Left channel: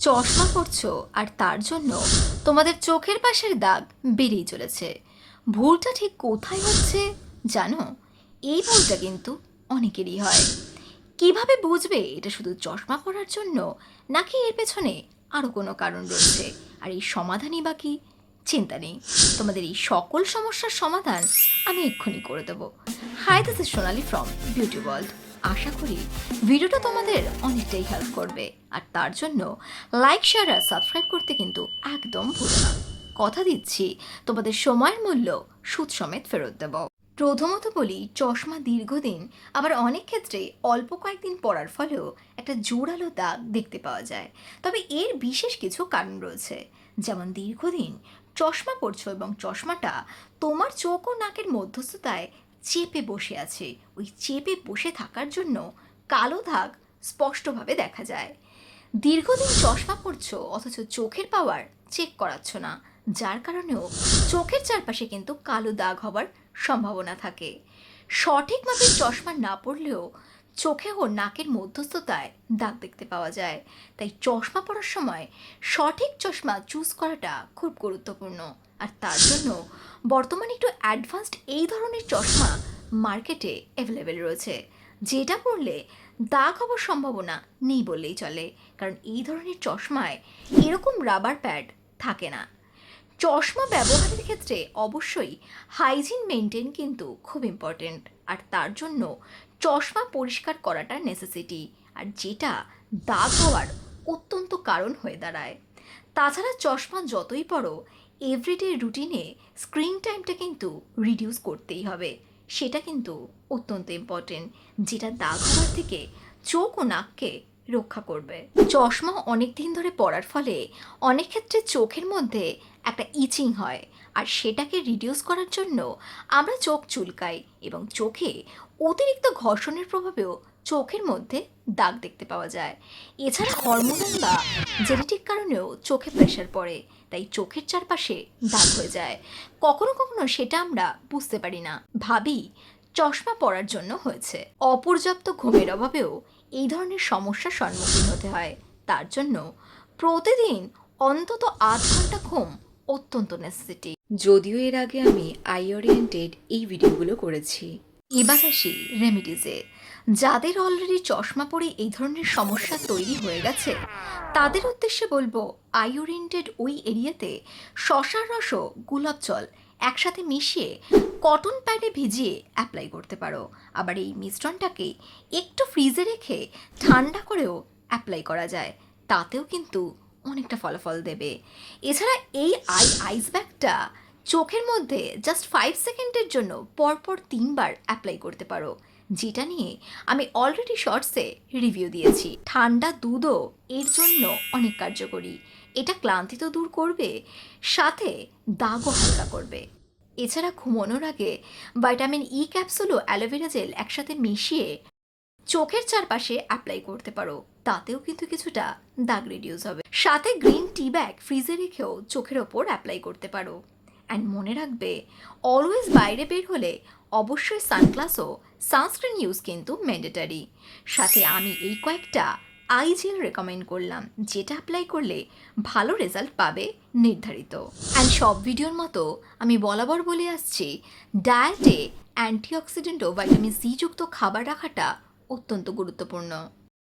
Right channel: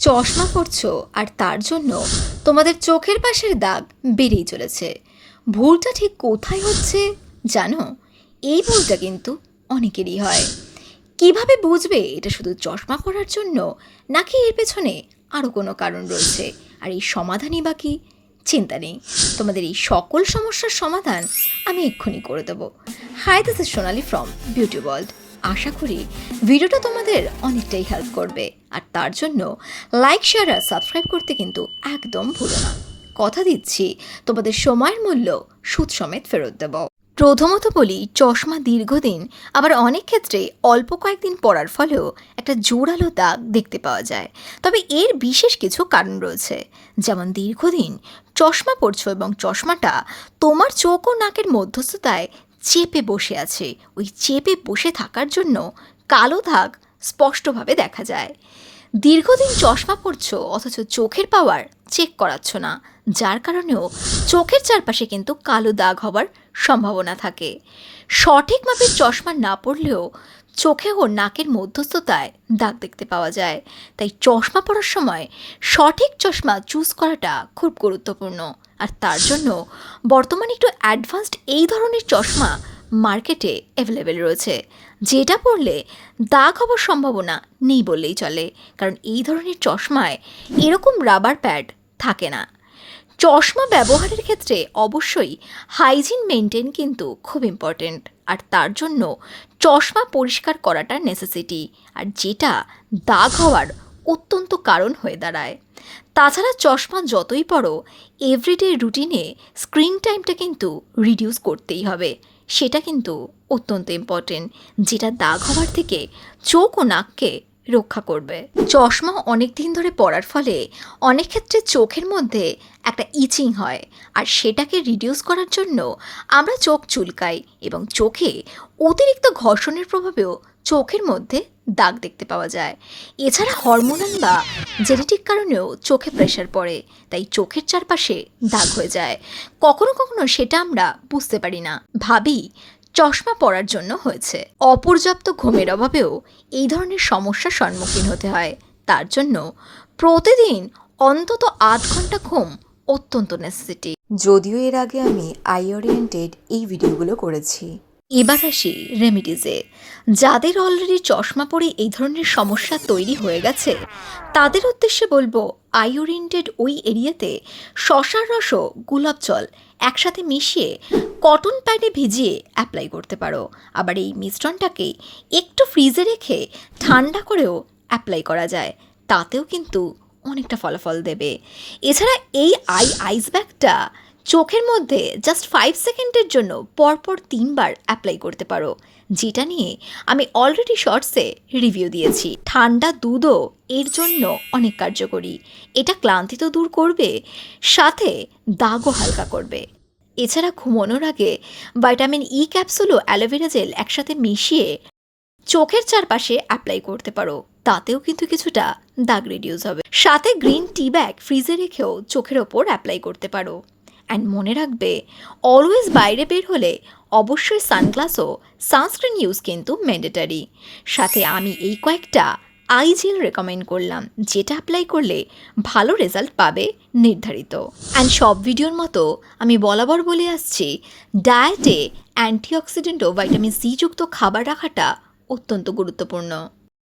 চশমা পরছো আর তার জন্য তোমাদের চোখের পাশের দাগ বেড়েই চলেছে। ভুলটা ঠিক কোথায় হচ্ছে জানো? এই ভুলটা কিন্তু অনেকেরই হয়। কিভাবে বুঝবে এটা শুধু চশমা পরার জন্য, নাকি এর পেছনে আরও কোনো কারণ রয়েছে? আর এই সমাধানই বা কী? চিন্তা নেই, তোমাদের এই সকল সমস্যার সমাধান আমি এক্ষুনি করে দেবো। Hi, this is Sonali from beauty world. আশা করি ভিডিওটা তোমাদের অনেকটাই হেল্প করবে, আর তার জন্য লাইক, শেয়ার আর সাবস্ক্রাইব করতে কিন্তু একদম ভুলো না। কথা দিচ্ছি তোমাদের সময়ের মূল্য সুদ সমেত ফেরত দেব। প্রথমত বলি, চশমা দীর্ঘদিন, আবার অনেক ক্ষেত্রে অল্প কয়েকদিন পরার ফলেও একটা জোরালো দাগ দেখতে পাওয়া যায়। তবে এর বিশেষ কিছু কারণ রয়েছে। যেমন দীর্ঘদিন চশমা পরছো এবং চশমাটা তোমার চোখ ও নাকের মধ্যস্থতায় চেপে বসে আছে। ওই চেপে বসে থাকার জন্য কালো দাগ স্পষ্টভাবে দেখা যায়। দীর্ঘদিন চশমা পরছো অথচ চোখের পাওয়ার চেক করাচ্ছ না, যার কারণেও চোখের চারপাশে কিন্তু কালো দাগ হবার সম্ভাবনা থাকে। সঠিক মাপের চশমা না পরলেও চোখে ও নাকের মধ্যস্থতায় দাগ দেখতে পাওয়া যায়। তাই চশমা পরার সময় সঠিক চশমা চুজ করাটা খুব গুরুত্বপূর্ণ। আর তার জন্য বর্তমানে একটু অ্যাডভান্সড এই ধরনের চশমা মার্কেটে অ্যাভেলেবেল রয়েছে, যেটা পরলে দাগ হবার সম্ভাবনা নেই বললেই চলে। কারণ এই ধরনের চশমায় এরকম রাবার প্যাড থাকে না। চশমা ব্যবহারের ক্ষেত্রে অবশ্যই হাইজিন মেনটেন কিন্তু খুব ইম্পর্টেন্ট। আর তার জন্য চশমা পরিষ্কার করাটা নেসেসিটি, আর যেটা দাগ হওয়ার অত্যন্ত কারণ হয়ে দাঁড়ায়। তাছাড়া চশমা যতই পড়ো, এভরিডে রুটিনে স্ক্রিন টাইমটা কিন্তু রিডিউস করতেই হবে। সেটা কিন্তু অত্যন্ত ইম্পর্টেন্ট, যেটা দাগ হওয়ার থেকে চোখ ও নাককে রক্ষা করবে। চশমা অনেক দিন ধরে পরার ফলে অনেক ক্ষেত্রে চোখের মধ্যে একটা ইচিং হয়, আর সেটাকে রিডিউস করার জন্য আমরা চোখ চুলকাই এবং চোখে অতিরিক্ত ঘর্ষণের প্রভাবেও চোখের মধ্যে দাগ দেখতে পাওয়া যায়। এছাড়া হরমোনাল বা জেনেটিক কারণেও চোখে প্রেশার পড়ে, তাই চোখের চারপাশে দাগ হয়ে যায়। কখনো কখনো সেটা আমরা বুঝতে পারি না, ভাবি চশমা পরার জন্য হয়েছে। অপর্যাপ্ত ঘুমের অভাবেও এই ধরনের সমস্যার সম্মুখীন হতে হয়। তার জন্য প্রতিদিন অন্তত ৮ ঘন্টা ঘুম অত্যন্ত নেসেসিটি। যদিও এর আগে আমি আই ওরিয়েন্টেড এই ভিডিওগুলো করেছি। এবার আসি রেমিডিজে। যাদের অলরেডি চশমা পরে এই ধরনের সমস্যা তৈরি হয়ে গেছে, তাদের উদ্দেশ্যে বলবো, আই ওরিয়েন্টেড ওই এরিয়াতে শশার রস ও গোলাপ জল একসাথে মিশিয়ে কটন প্যাডে ভিজিয়ে অ্যাপ্লাই করতে পারো। আবার এই মিশ্রণটাকে একটু ফ্রিজে রেখে ঠান্ডা করেও অ্যাপ্লাই করা যায়, তাতেও কিন্তু অনেকটা ফলাফল দেবে। এছাড়া এই আইস ব্যাগটা চোখের মধ্যে জাস্ট 5 সেকেন্ডের জন্য পরপর 3 বার অ্যাপ্লাই করতে পারো, যেটা নিয়ে আমি অলরেডি শর্টসে রিভিউ দিয়েছি। ঠান্ডা দুধও এর জন্য অনেক কার্যকরী। এটা ক্লান্তি তো দূর করবে, সাথে দাগও হালকা করবে। এছাড়া ঘুমানোর আগে ভাইটামিন ই ক্যাপসুল ও অ্যালোভেরা জেল একসাথে মিশিয়ে চোখের চারপাশে অ্যাপ্লাই করতে পারো, তাতেও কিন্তু কিছুটা দাগ রিডিউস হবে। সাথে গ্রিন টি ব্যাগ ফ্রিজে রেখেও চোখের ওপর অ্যাপ্লাই করতে পারো। অ্যান্ড মনে রাখবে, অলওয়েজ বাইরে বের হলে অবশ্যই সানগ্লাস ও সানস্ক্রিন ইউজ কিন্তু ম্যান্ডেটারি। সাথে আমি এই কয়েকটা আই জেল রেকমেন্ড করলাম, যেটা অ্যাপ্লাই করলে ভালো রেজাল্ট পাবে নির্ধারিত। অ্যান্ড সব ভিডিওর মতো আমি বরাবর বলে আসছি, ডায়েটে অ্যান্টিঅক্সিডেন্ট ও ভাইটামিন সি যুক্ত খাবার রাখাটা অত্যন্ত গুরুত্বপূর্ণ।